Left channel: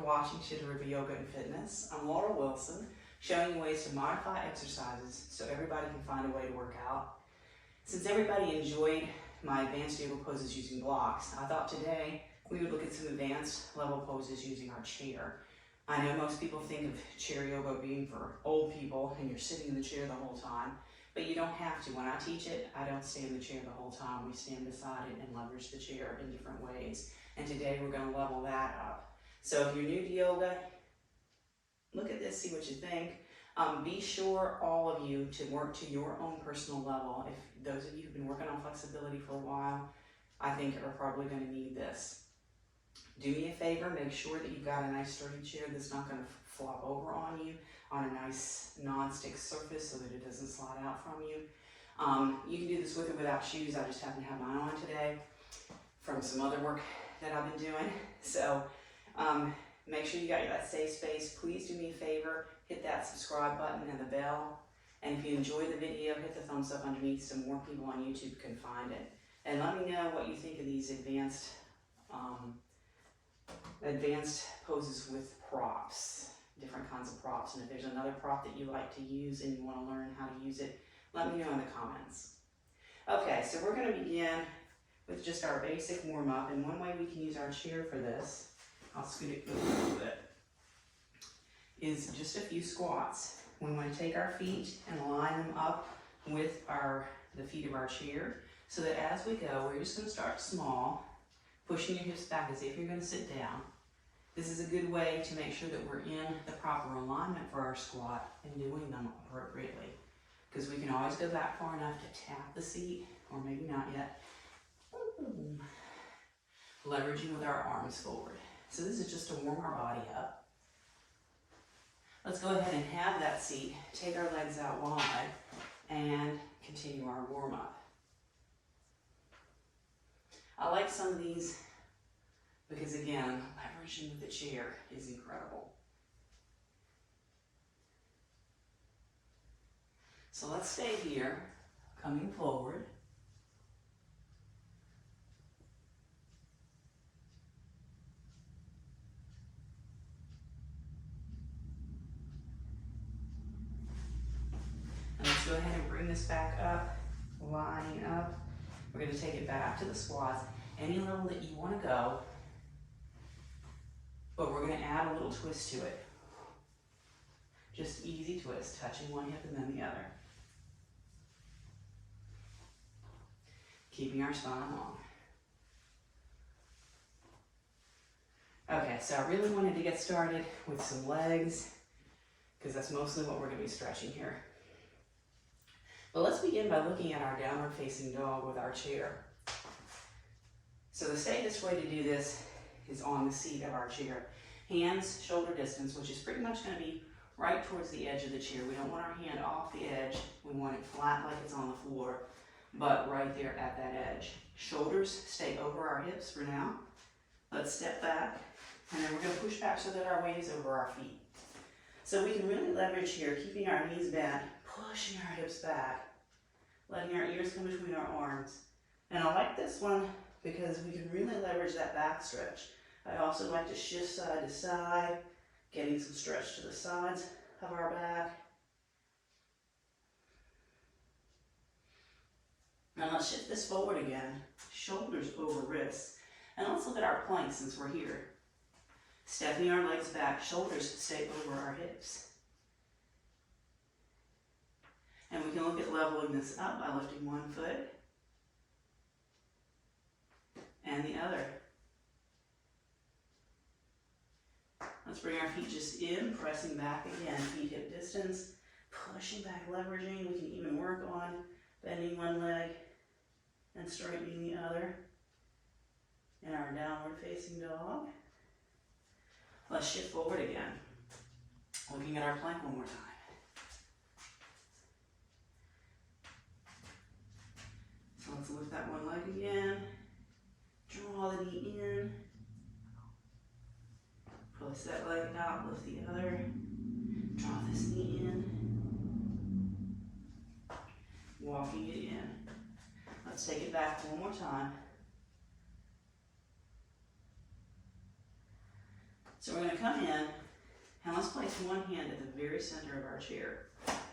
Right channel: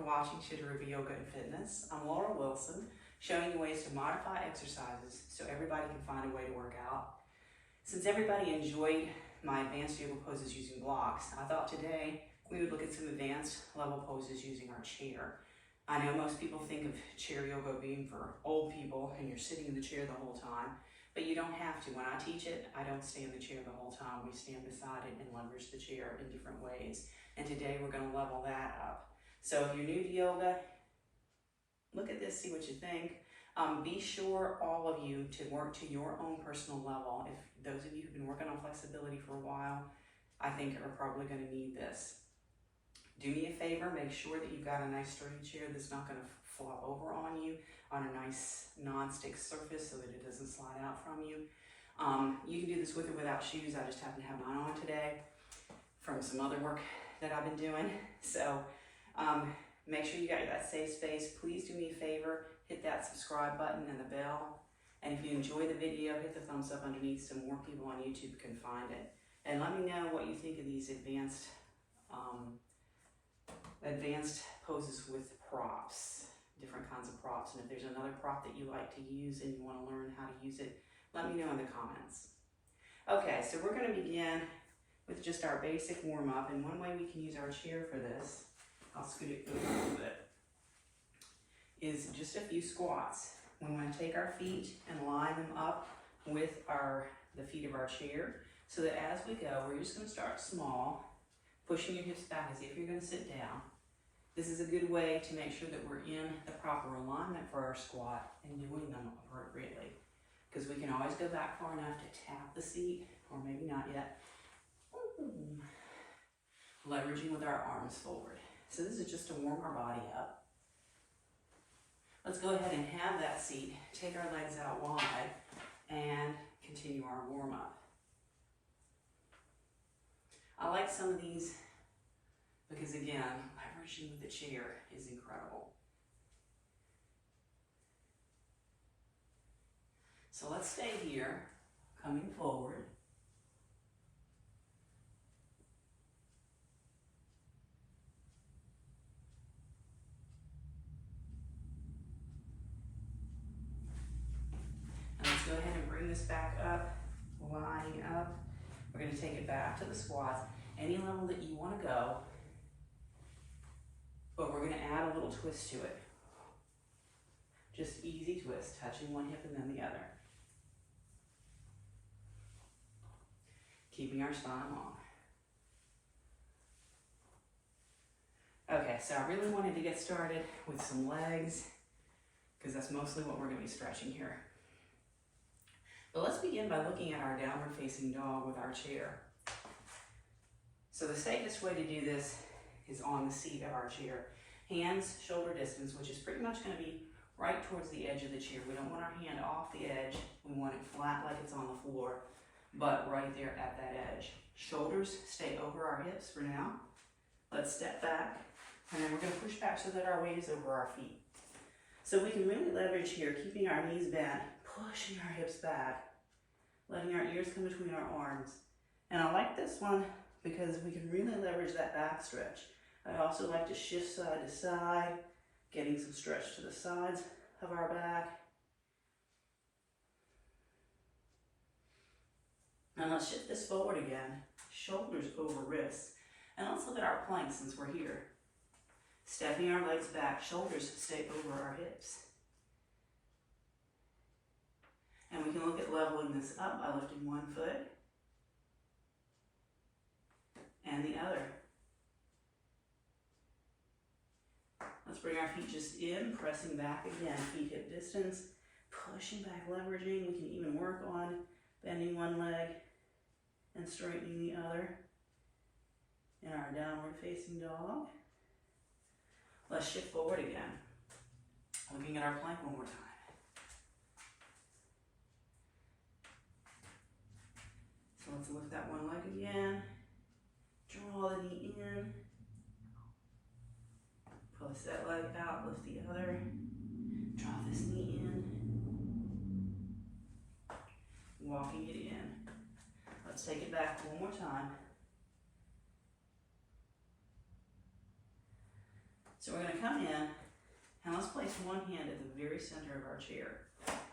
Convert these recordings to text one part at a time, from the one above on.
for watching Chittarupa Yoga and Fitness. I'm Laura Wilson, showing you ways to modify exercises so everybody can find a way to work out. Since everybody enjoyed my advanced yoga poses using blocks, I thought today we would look at some advanced level poses using our chair. I know most people think of chair yoga being for old people and you're sitting in the chair the whole time, but you don't have to. When I teach it, I don't stay in the chair the whole time. We stand beside it and leverage the chair in different ways. And today we're going to level that up. So if you're new to yoga, look at this, see what you think. Be sure, all of you, to work to your own personal level. If those of you who've been working on flexibility for a while, I think are probably going to need this. Do me a favor, make sure that you've got a nice sturdy chair that's not going to flop over on you, on a nice non-stick surface so that it doesn't slide out from you. You can do this with or without shoes. I just happen to have mine on today from some other work that I've been doing. So make sure you got that safe space. Please do me a favor, hit that subscribe button and the bell. And if you enjoy the video, hit the thumbs up underneath so more people on YouTube can find it. And let me know what you think of these advanced poses with props, different kinds of props. And if there's another prop that you like to use and you want to learn how to use it, let me know in the comments. Okay, so we're going to begin with just our basic warm-up, and one way we can use our chair for this, I'll scoot it a little bit, is just a few squats. We want to take our feet and line them up with the feet of our chair, so that as we go, we're just going to start small, pushing your hips back as if you're going to sit down. This is a good way to make sure that we're in the proper alignment for our squat and doing them appropriately, because we can always go back far enough to tap the seat, or maybe not yet. Leveraging with our arms forward. So this is just to warm our body up. Let's go ahead and have that seat, take our legs out wide, and continue our warm-up. I like some of these because, again, leveraging with the chair is incredible. So let's stay here, coming forward. And let's go ahead and bring this back up, lining up. We're going to take it back to the squats, any level that you want to go, but we're going to add a little twist to it. Just easy twist, touching one hip and then the other. Keeping our spine long. Okay, so I really wanted to get started with some legs, because that's mostly what we're going to be stretching here. But let's begin by looking at our downward facing dog with our chair. So the safest way to do this is on the seat of our chair. Hands shoulder distance, which is pretty much going to be right towards the edge of the chair. We don't want our hand off the edge. We want it flat like it's on the floor, but right there at that edge. Shoulders stay over our hips for now. Let's step back, and then we're going to push back so that our weight is over our feet. So we can really leverage here, keeping our knees bent, pushing our hips back, letting our ears come between our arms. And I like this one because we can really leverage that back stretch. I also like to shift side to side, getting some stretch to the sides of our back. And let's shift this forward again, shoulders over wrists. And let's look at our plank since we're here. Stepping our legs back, shoulders stay over our hips. And we can look at leveling this up by lifting one foot and the other. Let's bring our feet just in, pressing back again, feet hip distance, pushing back, leveraging. We can even work on bending one leg and straightening the other in our downward facing dog. Let's shift forward again, looking at our plank one more time. So let's lift that one leg again, draw the knee in, push that leg out, lift the other, draw this knee in, walking it in. Let's take it back one more time. So we're going to come in and let's place one hand at the very center of our chair.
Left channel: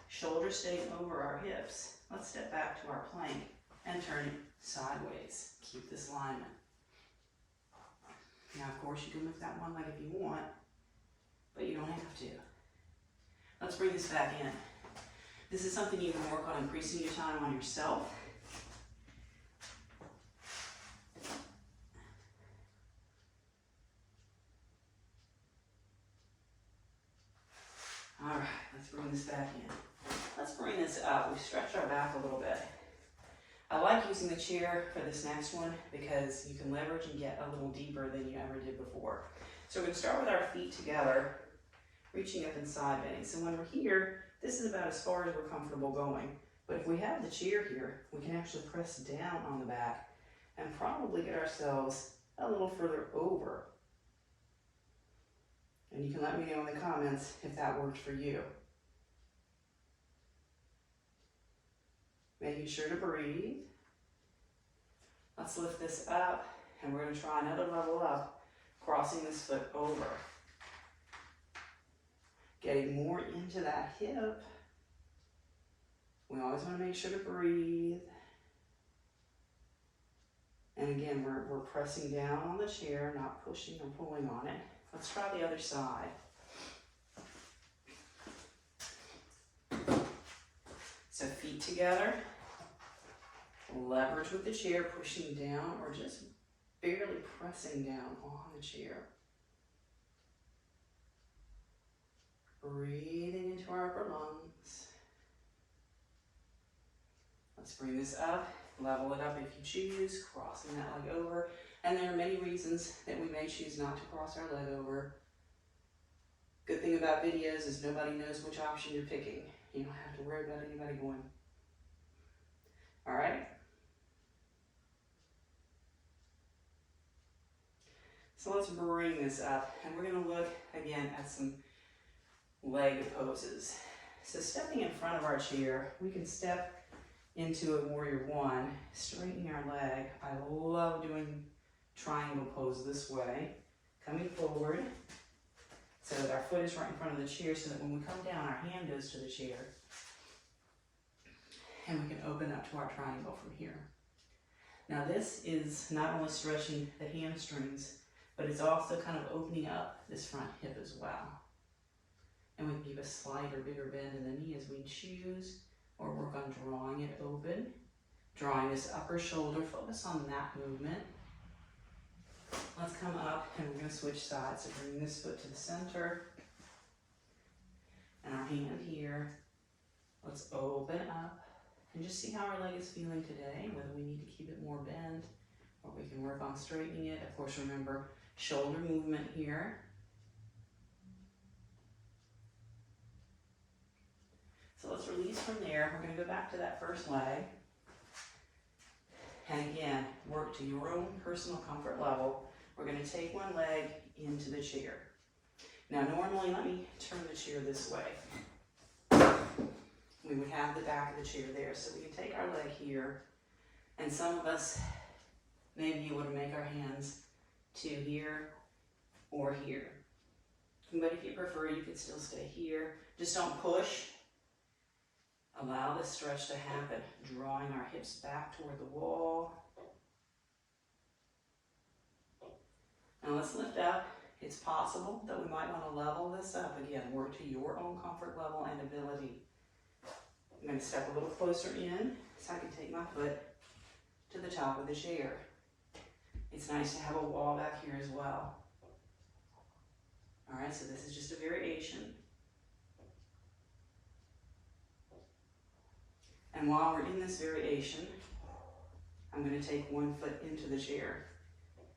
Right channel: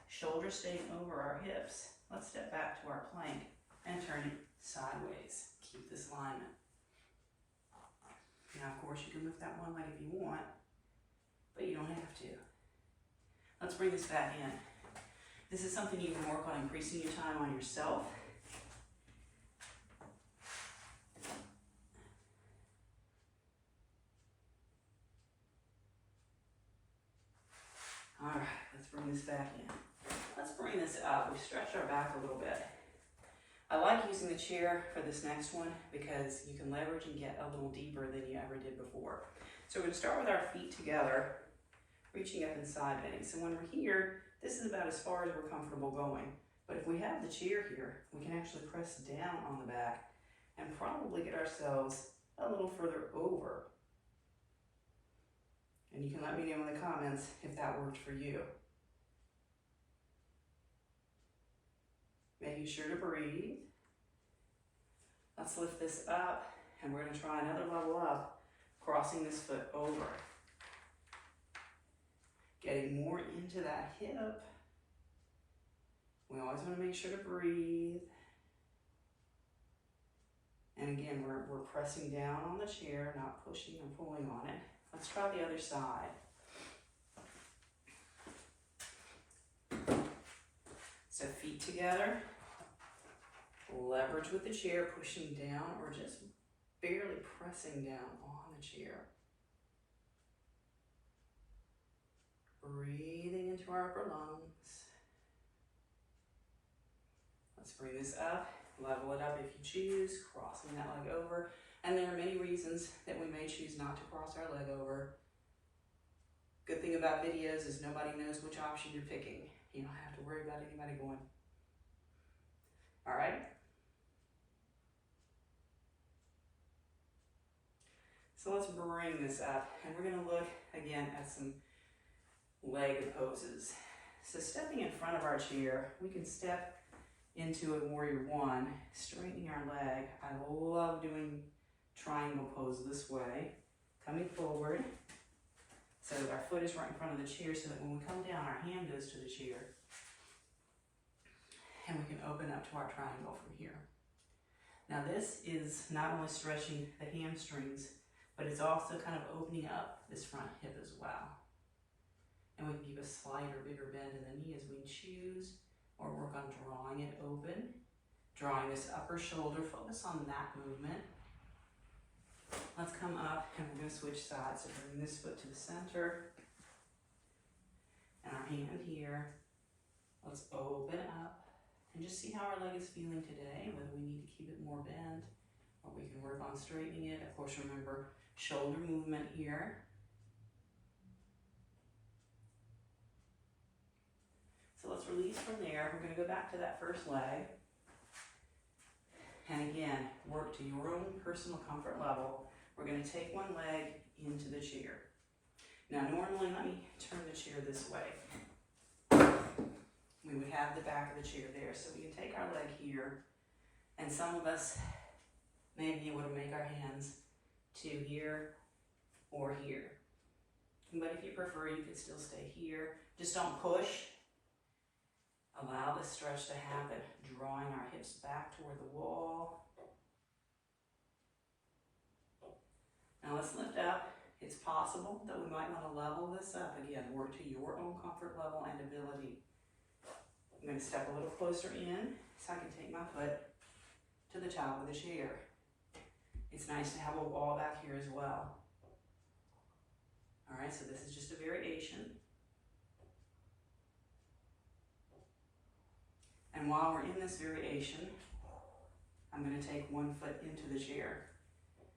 Shoulders staying over our hips. Let's step back to our plank and turn it sideways. Keep this alignment. Now, of course, you can lift that one leg if you want, but you don't have to. Let's bring this back in. This is something you can work on increasing your time on yourself. All right, let's bring this back in. Let's bring this up. We've stretched our back a little bit. I like using the chair for this next one because you can leverage and get a little deeper than you ever did before. So we're going to start with our feet together, reaching up and side bending. So when we're here, this is about as far as we're comfortable going. But if we have the chair here, we can actually press down on the back and probably get ourselves a little further over. And you can let me know in the comments if that worked for you. Making sure to breathe. Let's lift this up, and we're going to try another level up, crossing this foot over. Getting more into that hip. We always want to make sure to breathe. And again, we're pressing down on the chair, not pushing or pulling on it. Let's try the other side. So feet together, leverage with the chair, pushing down or just barely pressing down on the chair. Breathing into our upper lungs. Let's bring this up, level it up if you choose, crossing that leg over. And there are many reasons that we may choose not to cross our leg over. Good thing about videos is nobody knows which option you're picking. You don't have to worry about anybody going. All right? So let's bring this up, and we're going to look again at some leg poses. So stepping in front of our chair, we can step into a warrior one, straightening our leg. I love doing triangle pose this way, coming forward so that our foot is right in front of the chair, so that when we come down, our hand goes to the chair, and we can open up to our triangle from here. Now this is not only stretching the hamstrings, but it's also kind of opening up this front hip as well. And we can give a slight or bigger bend in the knee as we choose, or work on drawing it open, drawing this upper shoulder, focus on that movement. Let's come up, and we're going to switch sides. So bring this foot to the center, and our hand here. Let's open up, and just see how our leg is feeling today, whether we need to keep it more bent, or we can work on straightening it. Of course, remember, shoulder movement here. So let's release from there. We're going to go back to that first leg. And again, work to your own personal comfort level. We're going to take one leg into the chair. Now normally, let me turn the chair this way. We would have the back of the chair there. So we can take our leg here. And some of us may be able to make our hands to here or here. But if you prefer, you can still stay here. Just don't push. Allow the stretch to happen, drawing our hips back toward the wall. Now let's lift up. It's possible that we might want to level this up. Again, work to your own comfort level and ability. I'm going to step a little closer in so I can take my foot to the top of the chair. It's nice to have a wall back here as well. All right, so this is just a variation. And while we're in this variation, I'm going to take one foot into the chair.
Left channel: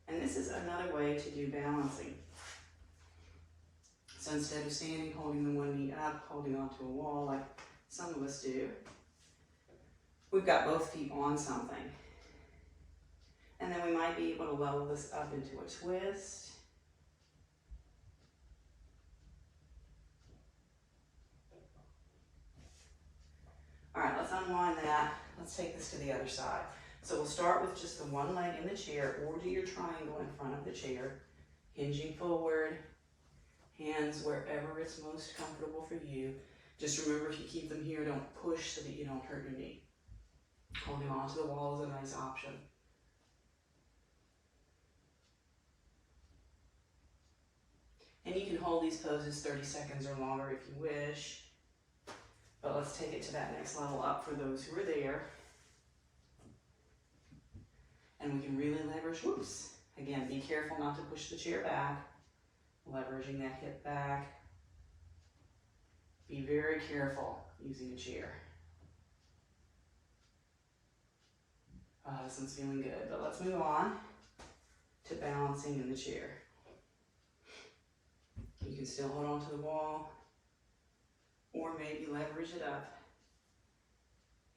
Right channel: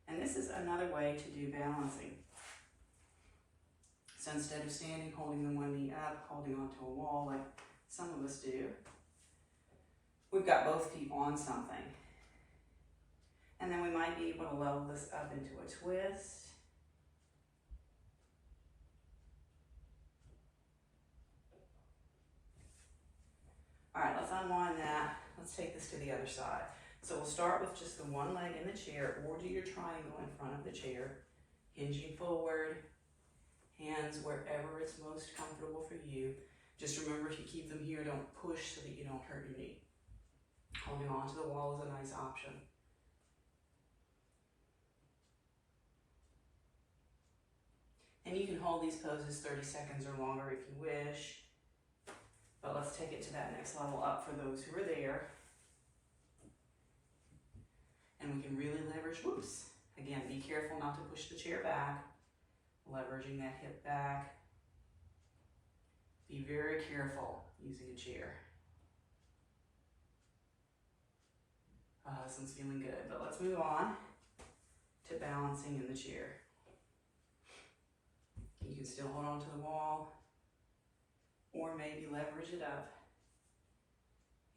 And this is another way to do balancing. So instead of standing, holding the one knee up, holding onto a wall like some of us do, we've got both feet on something. And then we might be able to level this up into a twist. All right, let's unwind that. Let's take this to the other side. So we'll start with just the one leg in the chair, or do your triangle in front of the chair, hinging forward, Hands wherever it's most comfortable for you. Just remember, if you keep them here, don't push so that you don't hurt your knee. Holding onto the wall is a nice option. And you can hold these poses 30 seconds or longer if you wish. But let's take it to that next level up for those who are there. And we can really leverage, whoops. Again, be careful not to push the chair back. Leveraging that hip back. Be very careful using a chair. Oh, this one's feeling good, but let's move on to balancing in the chair. You can still hold on to the wall, or maybe leverage it up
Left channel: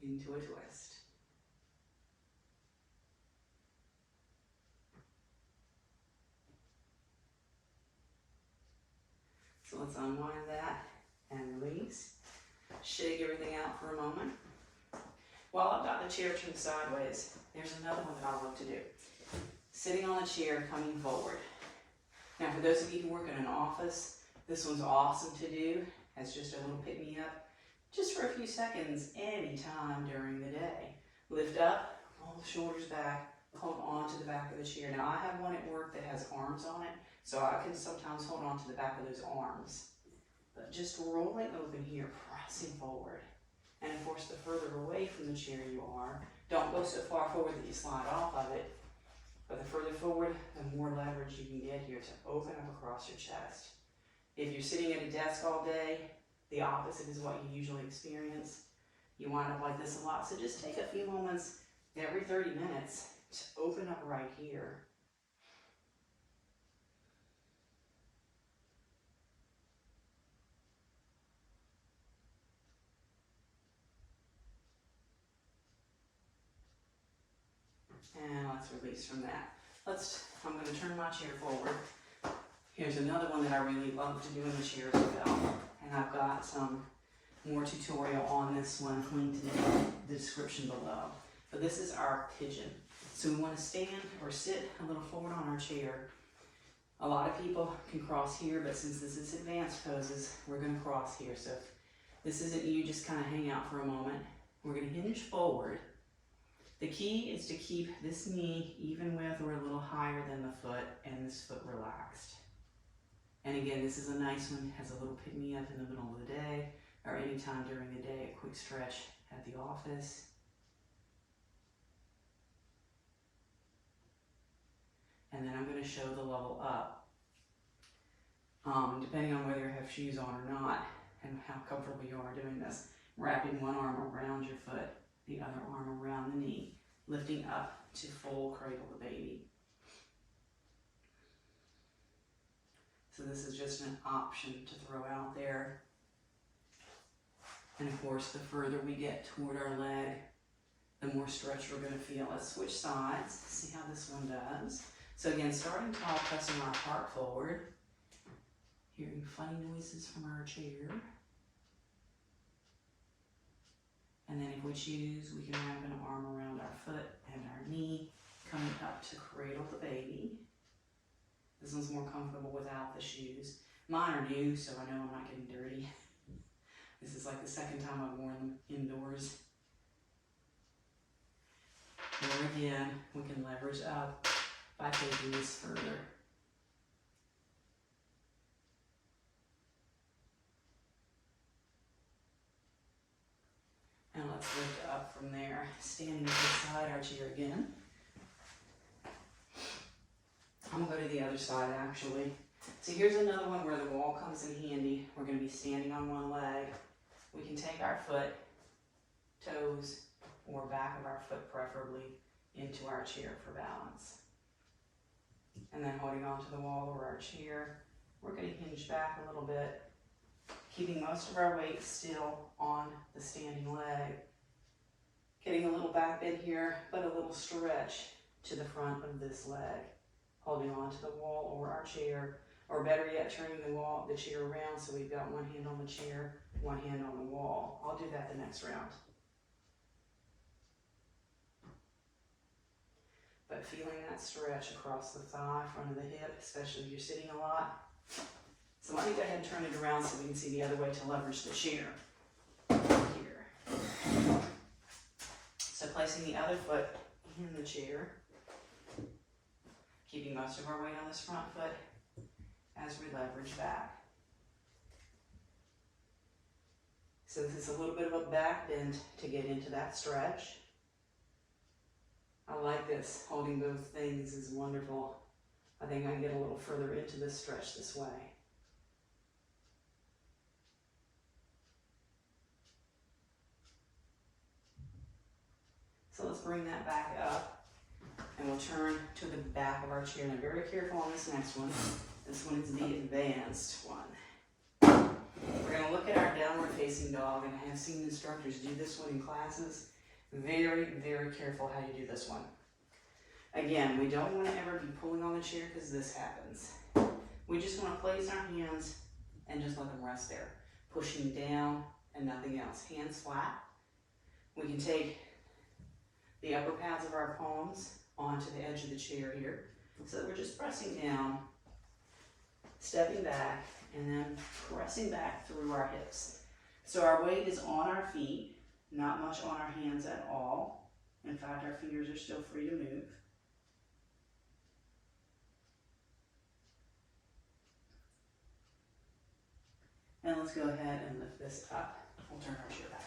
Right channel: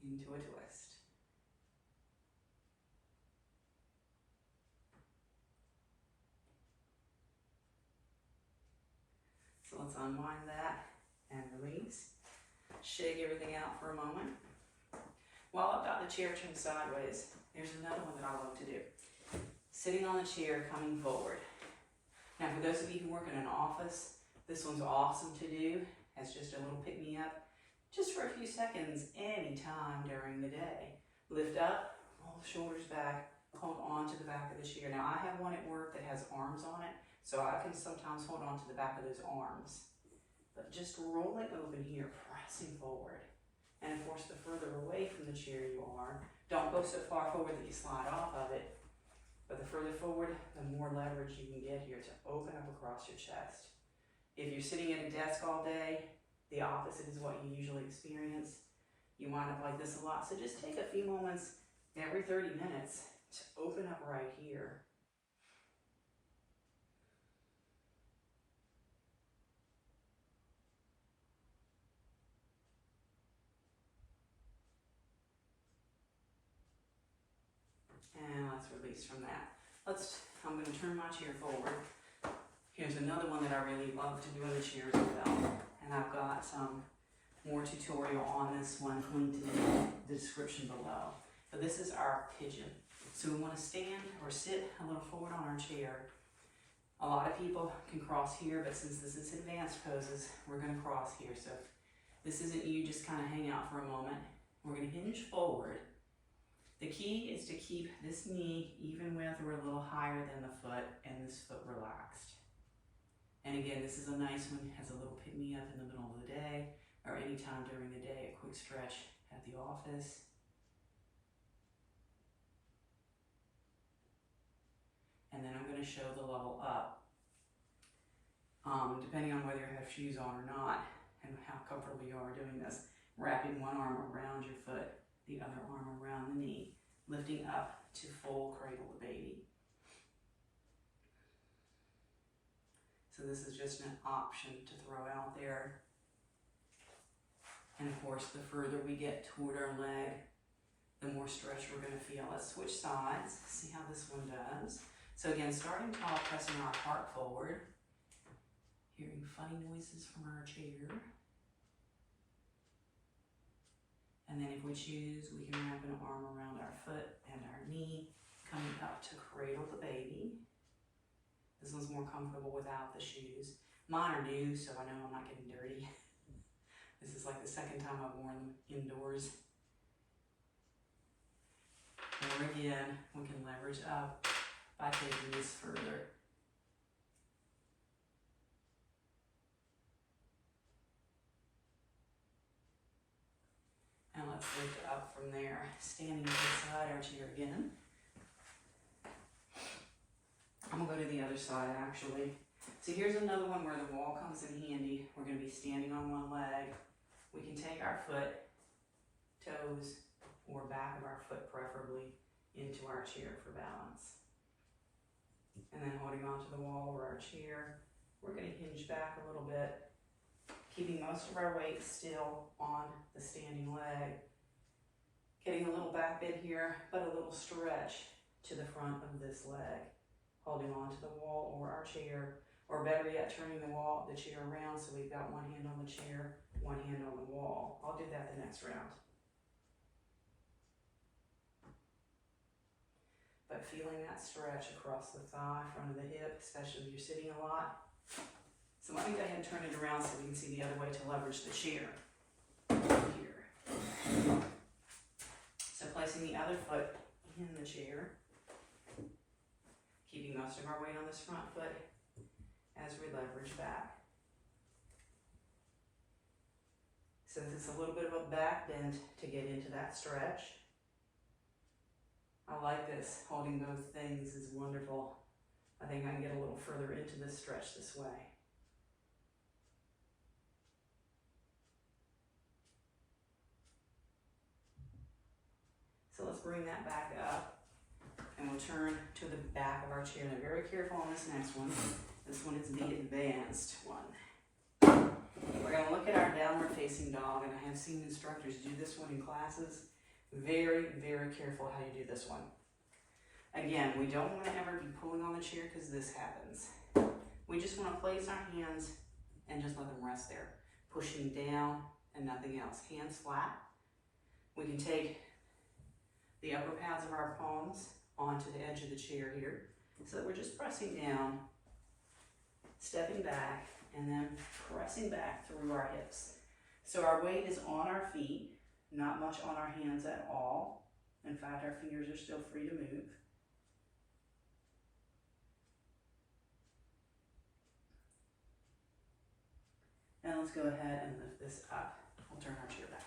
into a twist. So let's unwind that and release. Shake everything out for a moment. While I've got the chair turned sideways, there's another one that I love to do. Sitting on the chair, coming forward. Now, for those of you who work in an office, this one's awesome to do as just a little pick-me-up, just for a few seconds, anytime during the day. Lift up, roll the shoulders back, hold on to the back of the chair. Now, I have one at work that has arms on it, so I can sometimes hold on to the back of those arms. But just rolling open here, pressing forward. And of course, the further away from the chair you are, don't go so far forward that you slide off of it. But the further forward, the more leverage you can get here to open up across your chest. If you're sitting at a desk all day, the opposite is what you usually experience. You wind up like this a lot. So just take a few moments every 30 minutes to open up right here. And let's release from that. I'm going to turn my chair forward. Here's another one that I really love to do in the chair as well. And I've got some more tutorial on this one linked in the description below. But this is our pigeon. So we want to stand or sit a little forward on our chair. A lot of people can cross here, but since this is advanced poses, we're going to cross here. So if this isn't you, just kind of hang out for a moment. We're going to hinge forward. The key is to keep this knee even with or a little higher than the foot and this foot relaxed. And again, this is a nice one. It has a little pick-me-up in the middle of the day or anytime during the day, a quick stretch at the office. And then I'm going to show the level up. Depending on whether you have shoes on or not and how comfortable you are doing this, wrapping one arm around your foot, the other arm around the knee, lifting up to full cradle the baby. So this is just an option to throw out there. And of course, the further we get toward our leg, the more stretch we're going to feel. Let's switch sides, see how this one does. So again, starting tall, pressing our heart forward, hearing funny noises from our chair. And then if we choose, we can wrap an arm around our foot and our knee, coming up to cradle the baby. This one's more comfortable without the shoes. Mine are new, so I know I'm not getting dirty. This is like the second time I've worn them indoors. Or again, we can leverage up by taking this further. And let's lift up from there, standing beside our chair again. I'm going to go to the other side actually. So here's another one where the wall comes in handy. We're going to be standing on one leg. We can take our foot, toes, or back of our foot preferably, into our chair for balance. And then holding onto the wall or our chair, we're going to hinge back a little bit, keeping most of our weight still on the standing leg. Getting a little back bend here, but a little stretch to the front of this leg. Holding onto the wall or our chair, or better yet, turning the chair around so we've got one hand on the chair, one hand on the wall. I'll do that the next round. But feeling that stretch across the thigh, front of the hip, especially if you're sitting a lot. So let me go ahead and turn it around so we can see the other way to leverage the chair. Here. So placing the other foot in the chair, keeping most of our weight on this front foot as we leverage back. Since it's a little bit of a back bend to get into that stretch, I like this. Holding both things is wonderful. I think I can get a little further into this stretch this way. So let's bring that back up, and we'll turn to the back of our chair. Now, very careful on this next one. This one is the advanced one. We're going to look at our downward facing dog, and I have seen instructors do this one in classes. Very, very careful how you do this one. Again, we don't want to ever be pulling on the chair because this happens. We just want to place our hands and just let them rest there. Pushing down and nothing else. Hands flat. We can take the upper pads of our palms onto the edge of the chair here. So that we're just pressing down, stepping back, and then pressing back through our hips. So our weight is on our feet, not much on our hands at all. In fact, our fingers are still free to move. And let's go ahead and lift this up. We'll turn our chair back.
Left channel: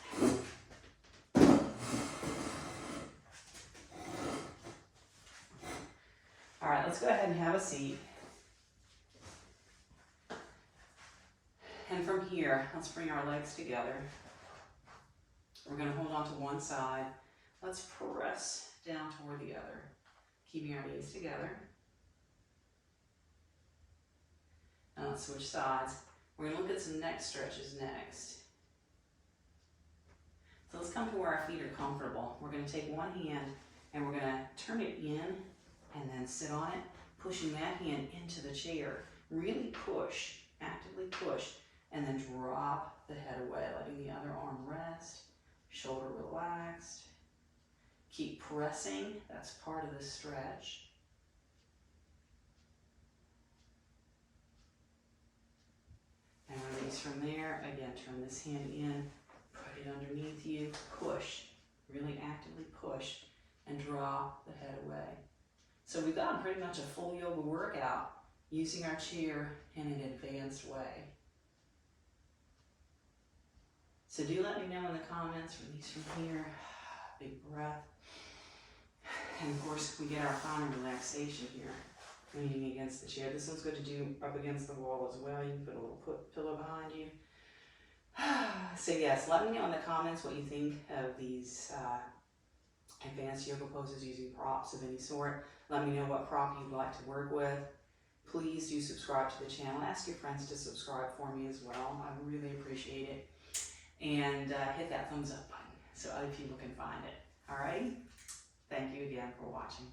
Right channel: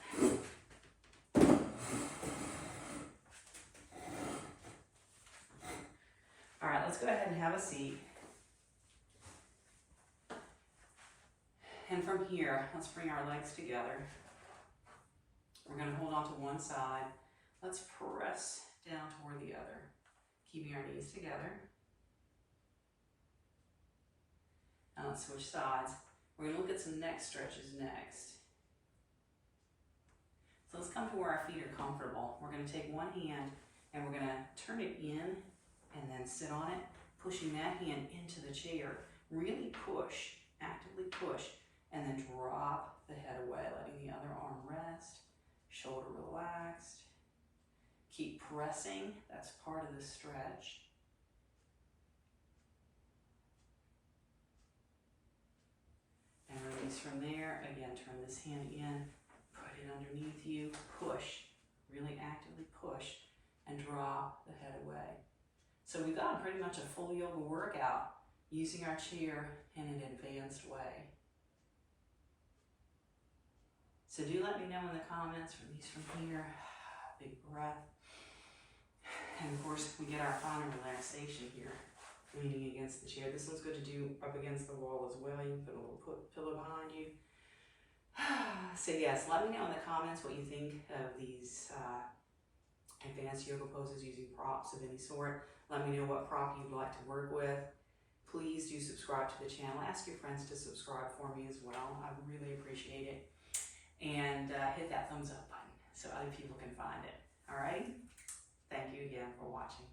All right, let's go ahead and have a seat. And from here, let's bring our legs together. We're going to hold on to one side. Let's press down toward the other, keeping our knees together. And let's switch sides. We're going to look at some neck stretches next. So let's come to where our feet are comfortable. We're going to take one hand and we're going to turn it in and then sit on it, pushing that hand into the chair. Really push, actively push, and then drop the head away, letting the other arm rest, shoulder relaxed. Keep pressing, that's part of the stretch. And release from there. Again, turn this hand in, put it underneath you, push, really actively push, and drop the head away. So we've got pretty much a full yoga workout using our chair in an advanced way. So do let me know in the comments, release from here, big breath. And of course, we get our final relaxation here, leaning against the chair. This one's good to do up against the wall as well. You can put a little pillow behind you. So yes, let me know in the comments what you think of these advanced yoga poses using props of any sort. Let me know what prop you'd like to work with. Please do subscribe to the channel. Ask your friends to subscribe for me as well. I really appreciate it. And hit that thumbs up button so other people can find it. Alrighty? Thank you again for watching.